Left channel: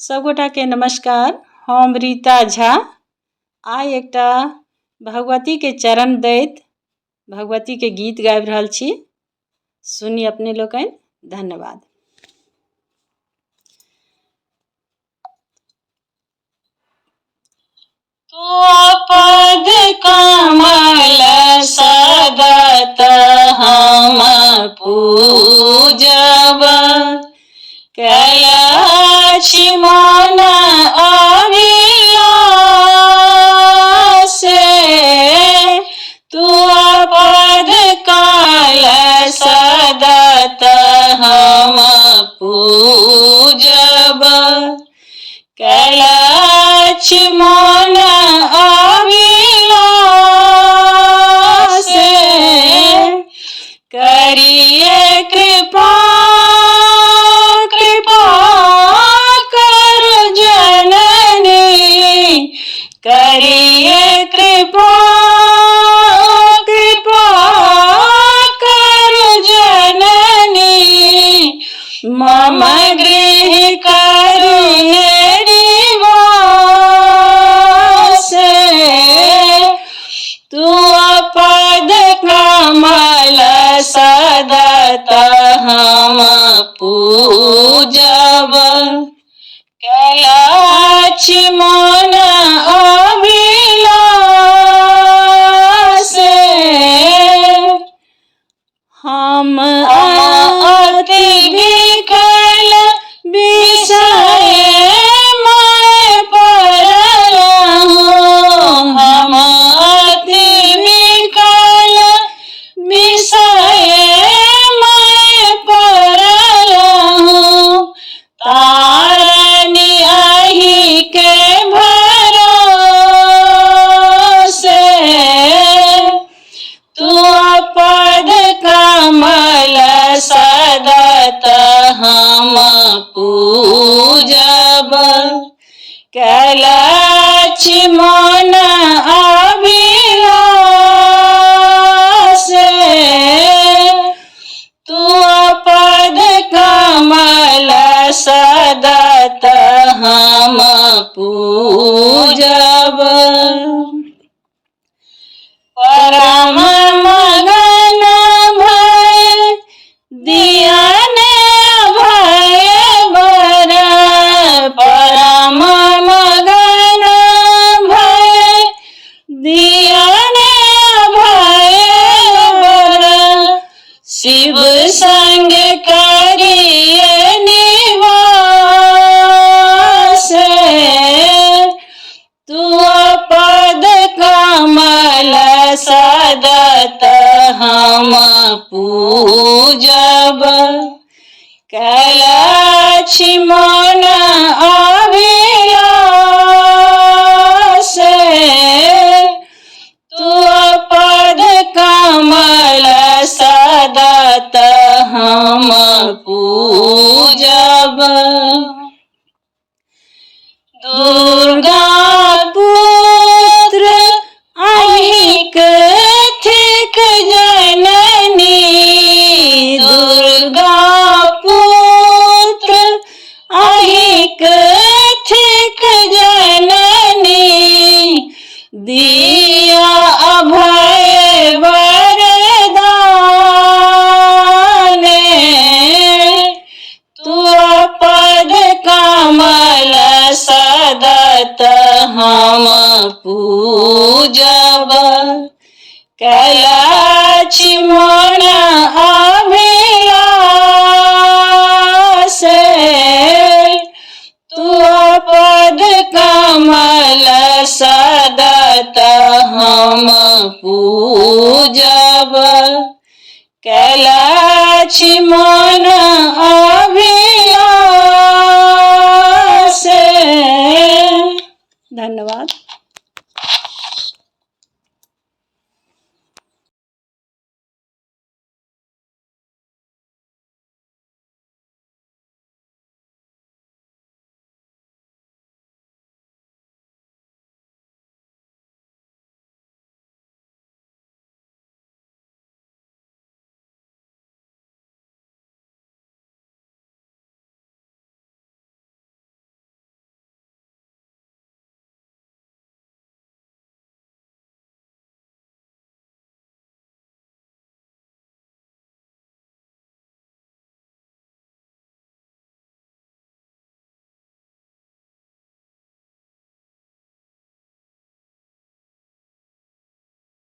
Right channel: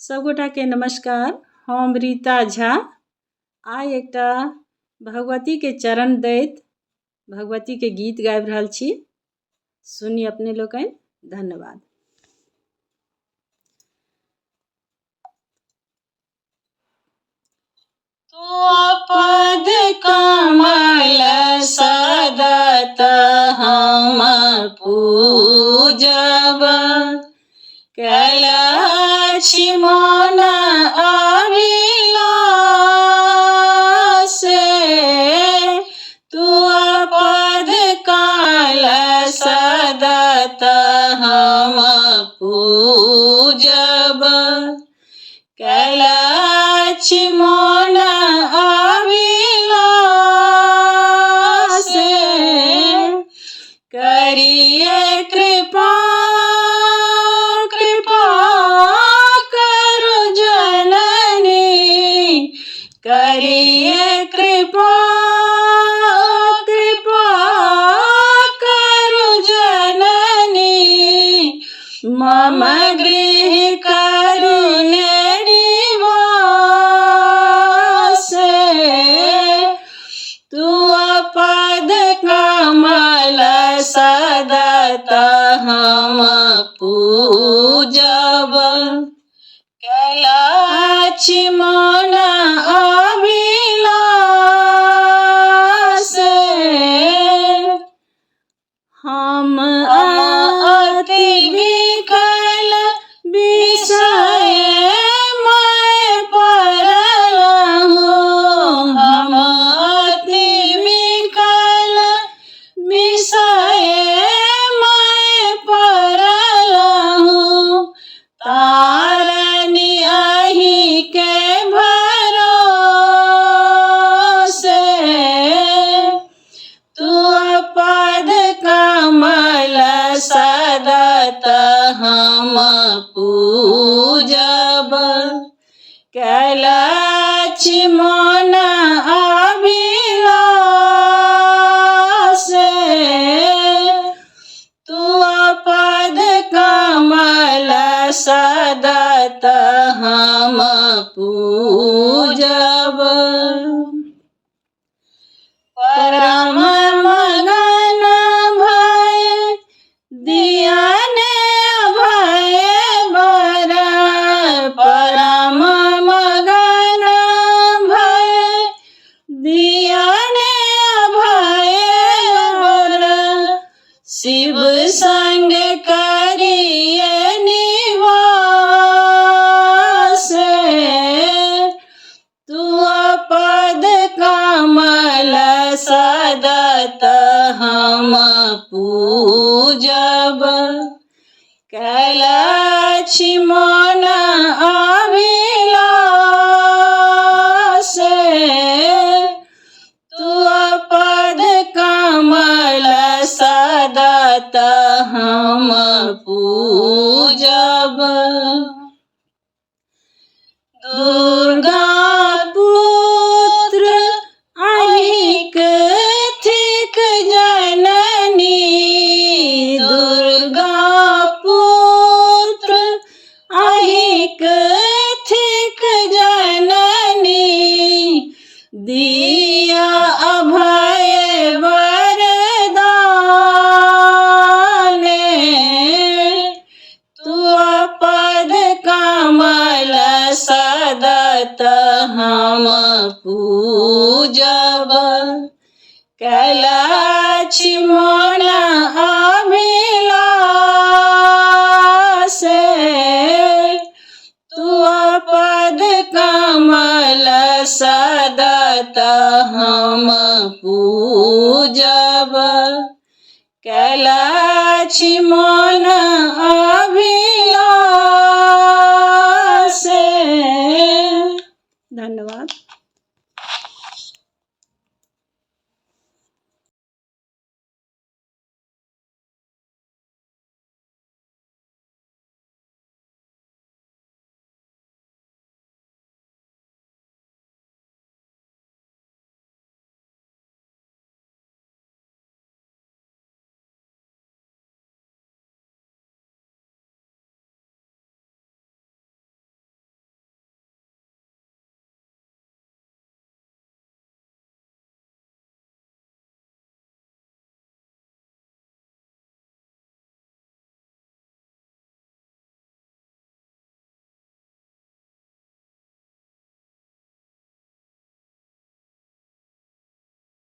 सबगोटा के नमस्कार। हम रीता झा आइ एकटा भगवती के चरण दैत भगवती के गीत गाबि रहल छी। सुनी अपने लोकनि। धन्यवाद। पद कमल सदत हम पूजब, कैलाश मन अभिलाष। तू पद कमल सदत हम पूजब, कैलाश मन अभिलाष। करिए कृपा कृपा कर जननी, करिए कृपा कृपा कर जननी। मम गृह करुणे निवास। तू पद कमल सदत हम पूजब, कैलाश मन अभिलाष। हम अति विकल विषय मैं पड़ल हूँ, हम अति विकल विषय मैं पड़ल हूँ। तारनी अहि के भरोसे, तू पद कमल सदत हम पूजब, कैलाश मन अभिलाष। तू पद कमल सदत हम पूजब। परम मगन भय दियन भय बर, परम मगन भय दियन भय बर। शिव संग करिए निवास। तू पद कमल सदत हम पूजब, कैलाश मन अभिलाष। तू पद कमल सदत हम पूजब। दुर्गा पुत्र अहिक थिक जननी, दुर्गा पुत्र अहिक थिक जननी। दिया अभय वरदान, तू पद कमल सदत हम पूजब, कैलाश मन अभिलाष। तू पद कमल सदत हम पूजब, कैलाश मन